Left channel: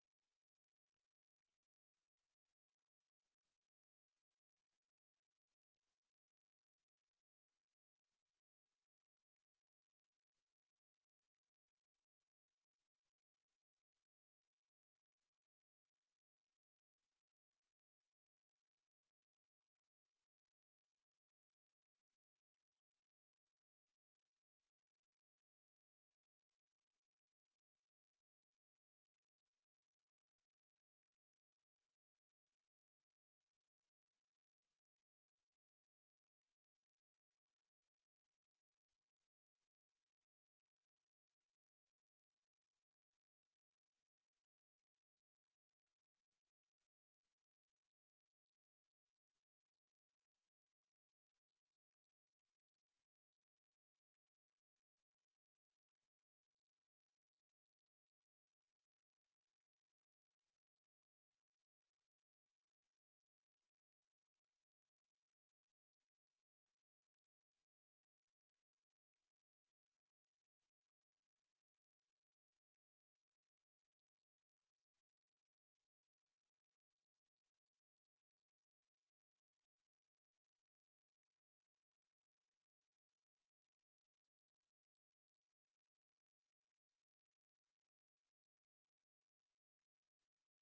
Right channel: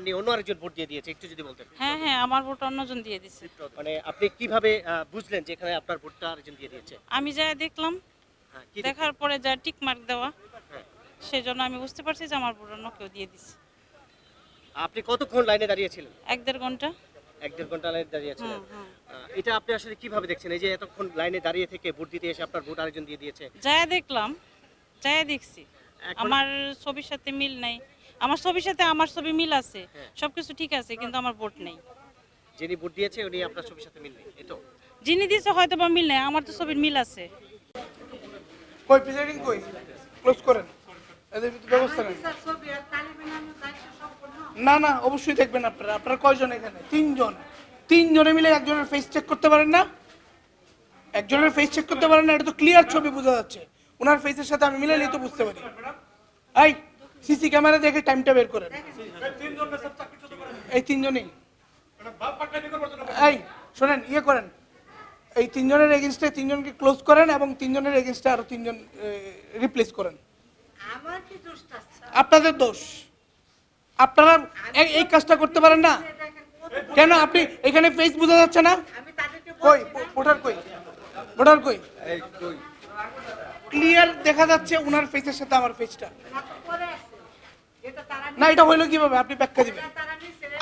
করেননি, অন্য আরেকজন ভোট দিয়ে দিয়েছে, একটু যদি বলতেন। হ্যাঁ হ্যাঁ, আমার ভোট অন্যজন দিয়ে দিছে। মানে আপনি কিভাবে বুঝলেন যে এখানে আপনার ভোটটা আরেকজন দিয়ে দিয়েছে? আমি যা দেখলাম, হ্যাঁ, কি দেখার পরে যা টিক মার্ক দেওয়া, হ্যাঁ। সেজন্য আমি বুঝতে পারছি যে আমার ভোট অন্য কেউ দিয়ে দিছে। আপনি কতক্ষণ লাইনে দাঁড়িয়েছিলেন? 1-1.5 ঘন্টা। 1-1.5 ঘন্টা লাইনে দাঁড়িয়েছিলেন। হুম। এটা আপনি আসলে কিভাবে দেখছেন? এই যে এতক্ষণ লাইনে দাঁড়িয়ে থেকে ভোট দিতে এসে আপনার ভোট আরেকজন দিয়ে দিয়েছে। যা দেখলাম, যা দেখছি, এখন আমার ছবির সাথে মিল নাই। আমার ছবির সাথে আমার ছবি মিল আছে, হ্যাঁ। সবকিছু ঠিক আছে, কিন্তু আমার ভোট নেই। যিনি ভোট দিয়েছে উনি আপনার ছবির সাথে মিল নেই, এই তো? যিনি দিছে হয়তো বা মিল নেই, আমার তো ছবির মিল আছে। কই প্রিসাইডিং কই ক্লোজ করেন, এদের ভিতরে ব্যবস্থা নেন। না না, অবশ্যই দেখবেন আপনারা। আপনারা কয়জন এখানে? তিনজনে মিলে একজনের ফেস চেক করতে পারেন না? একজনের ফেস চেক করতে পারেন না? এটা তো ক্লিয়ার ছবি বোঝা যাচ্ছে। ওনার ফেসের সাথে আমি মিলাইলেই তো বুঝতে পারি। এই সিসি ক্যামেরা দেখে টাইমটা বের করেন। এই তিনজনই, এই শোনেন, ইয়ে করেন, এই তিনজনের এগেনস্টে তিনজনকে ক্লোজ করেন এবং তিনজনের এগেনস্টে আরো তিনজন রিপ্লেস করেন। আপনাদের দোষ, আপনারা এই কাজটা করতে পারেন না কেন? আপনি এখানে ফেস বোঝা যাচ্ছে না? কই ভোটার কই? ভোটার কই? ক্লিয়ার দেখা যাচ্ছে ওনার ফেসের সাথে আমার ফেসটা। না, এটা হইলো কিভাবে? আপনি ব্যাখ্যা দিবেন,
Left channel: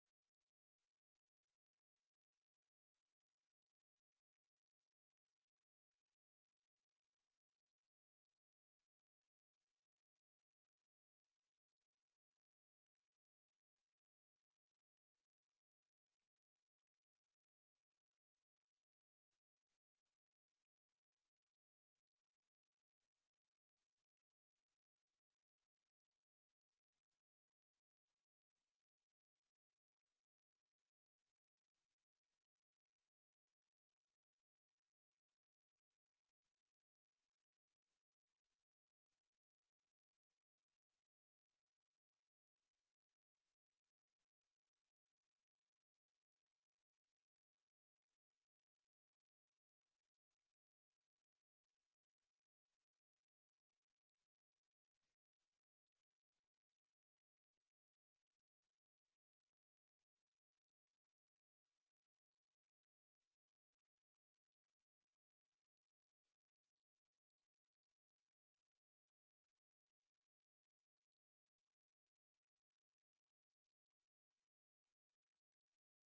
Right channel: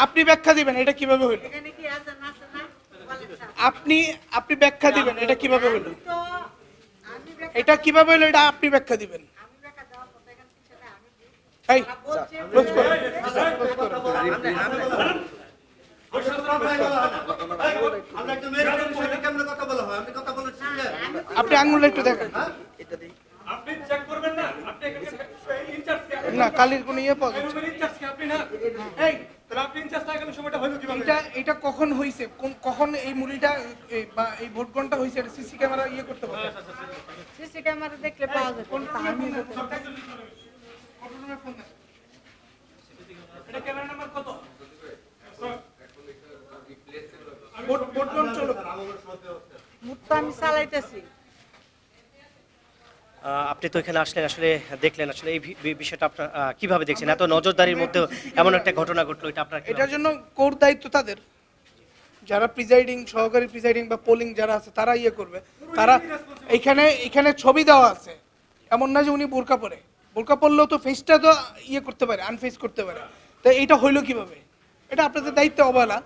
আপনি ব্যাখ্যা দিবেন এটা কিভাবে হইলো? আপনি ব্যাখ্যা দিবেন এটা কিভাবে হইলো? এটা কিভাবে হইলো এটা আপনি ব্যাখ্যা দিবেন। এই ক্লোজ করুন, ক্লোজ করুন। আপনি আঙুলটা একটু দেখেন। না, কালির কোনো ইয়ে পাওয়া যাচ্ছে না। এটা কখন হয়েছে, কখন এই মুড়িটা বা এই ভোট গণটা হয়েছে, এটা সিসি ক্যামেরা ইয়ে করতে পারে। সিসি ক্যামেরা দেখলে পাওয়া যায় কোন টাইমে এটা ক্যামেরা নাম্বার কত? ভোট গণ চলো। মুহূর্তে আমি চালাইতেছি। আপনি তো এখানে আসলেন, আসলে দেখলেন, আসলে এই বিষয়টা আপনার কিভাবে দেখছেন? এত নজরদারির মধ্যে এমন একটা ঘটনা ঘটলো, এটা আপনার এটার জন্য কোর দায়িত্ব তাদের, যারা প্রিজাইডিং, সহকারী প্রিজাইডিং বা পোলিং যারা আছে তারা ইয়ে করবে। তারা এখানে ছবি দেওয়া আছে, এমন না যে উনি বোরকা পরে। বোরকা পরলেও তো ফেসটা তো ইয়ে করতে পারে, আনফেস করতে পারে। তো এইটা হইলো কিভাবে? এটা আপনাদের দায়িত্ব অবহেলা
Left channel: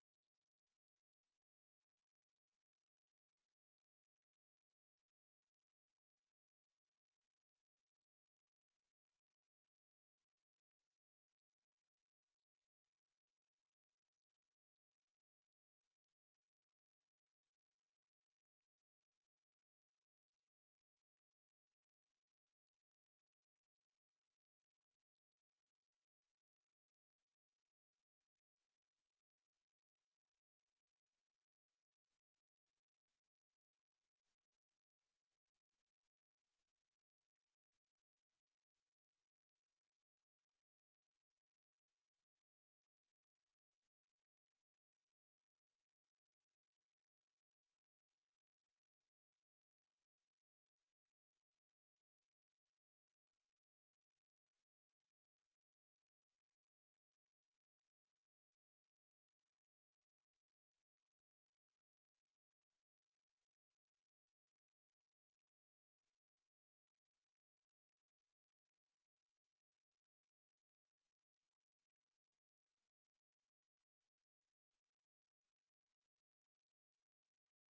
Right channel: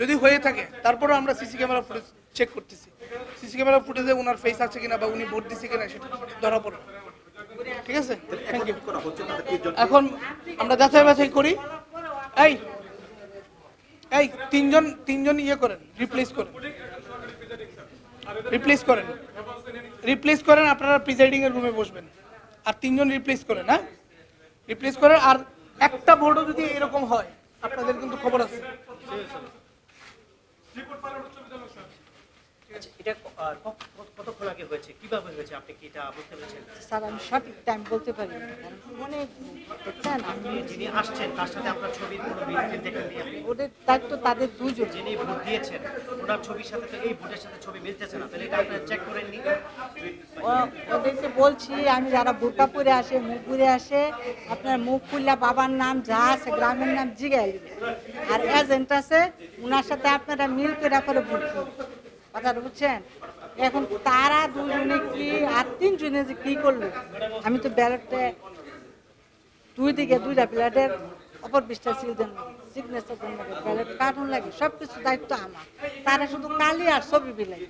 যদি হয়ে থাকে। তারপরে আমরা সিসি ক্যামেরা ফুটেজ চেক করতেছি, সিসি ক্যামেরা ফুটেজে ওনার ফেস আছে কিনা বা উনি ভোট দিচ্ছে কিনা সেটা ধরা পড়বে। ঠিক আছে, থ্যাংক ইউ। এখন আমরা যাচাই বাছাই করি। এই এই তিনজন ইয়ে করেন, রিপ্লেস করেন, রিপ্লেস করেন। আপনারা প্রিজাইডিং এর রুমে বসবেন আর তিনজন রিপ্লেস করেন। হ্যাঁ, রিপ্লেস করেন। আর একটা ভোটও যদি এরকম হয় আপনাদের কিন্তু খবর আছে। এটা কতক্ষণ আগে হয়েছে, কিভাবে হয়েছে, আপনি কি এটা বুঝতে পেরেছেন? স্যার আমি সঠিক টাইম বলতে পারি না, কারণ অনেক দেখছেন আমি যিনি আসছেন তার সাথে আপনার ছবির কোনো মিল দেখেননি আপনি? ওদের দায়িত্ব তাদের দুজন। যিনি ভোট দিয়েছেন ওনার ছবির সাথে তো এই ভোটের সাথে ছবি মিলতেছে না, তাহলে এটা আপনি চেক করেননি? ওদেরকে বলছি আমি, যারা বোরকা পরে আসে, মুখ ঘুরে আসে, আপনার মুখ খুললে বাবার নাম যা আছে গ্রামের নাম জিগাই, আর এজেন্ট আছে ওনার সাথে আপনারা মিল করে করে ভোট করুন। কথাটা বুঝছেন? এখন তারা দুজনে কি আর তিনজনে যে কি করলো, আমি তো ব্যালটে দুই দিকে দুইটা প্লেটের অপর পৃষ্ঠা সিল দেন লাগে, সিগনেচার দেন লাগে, ব্যালট কার্টুন লাগে, সবকিছু দায়িত্ব আমার। তারা শুধু কালি আর ছবি বিলাই।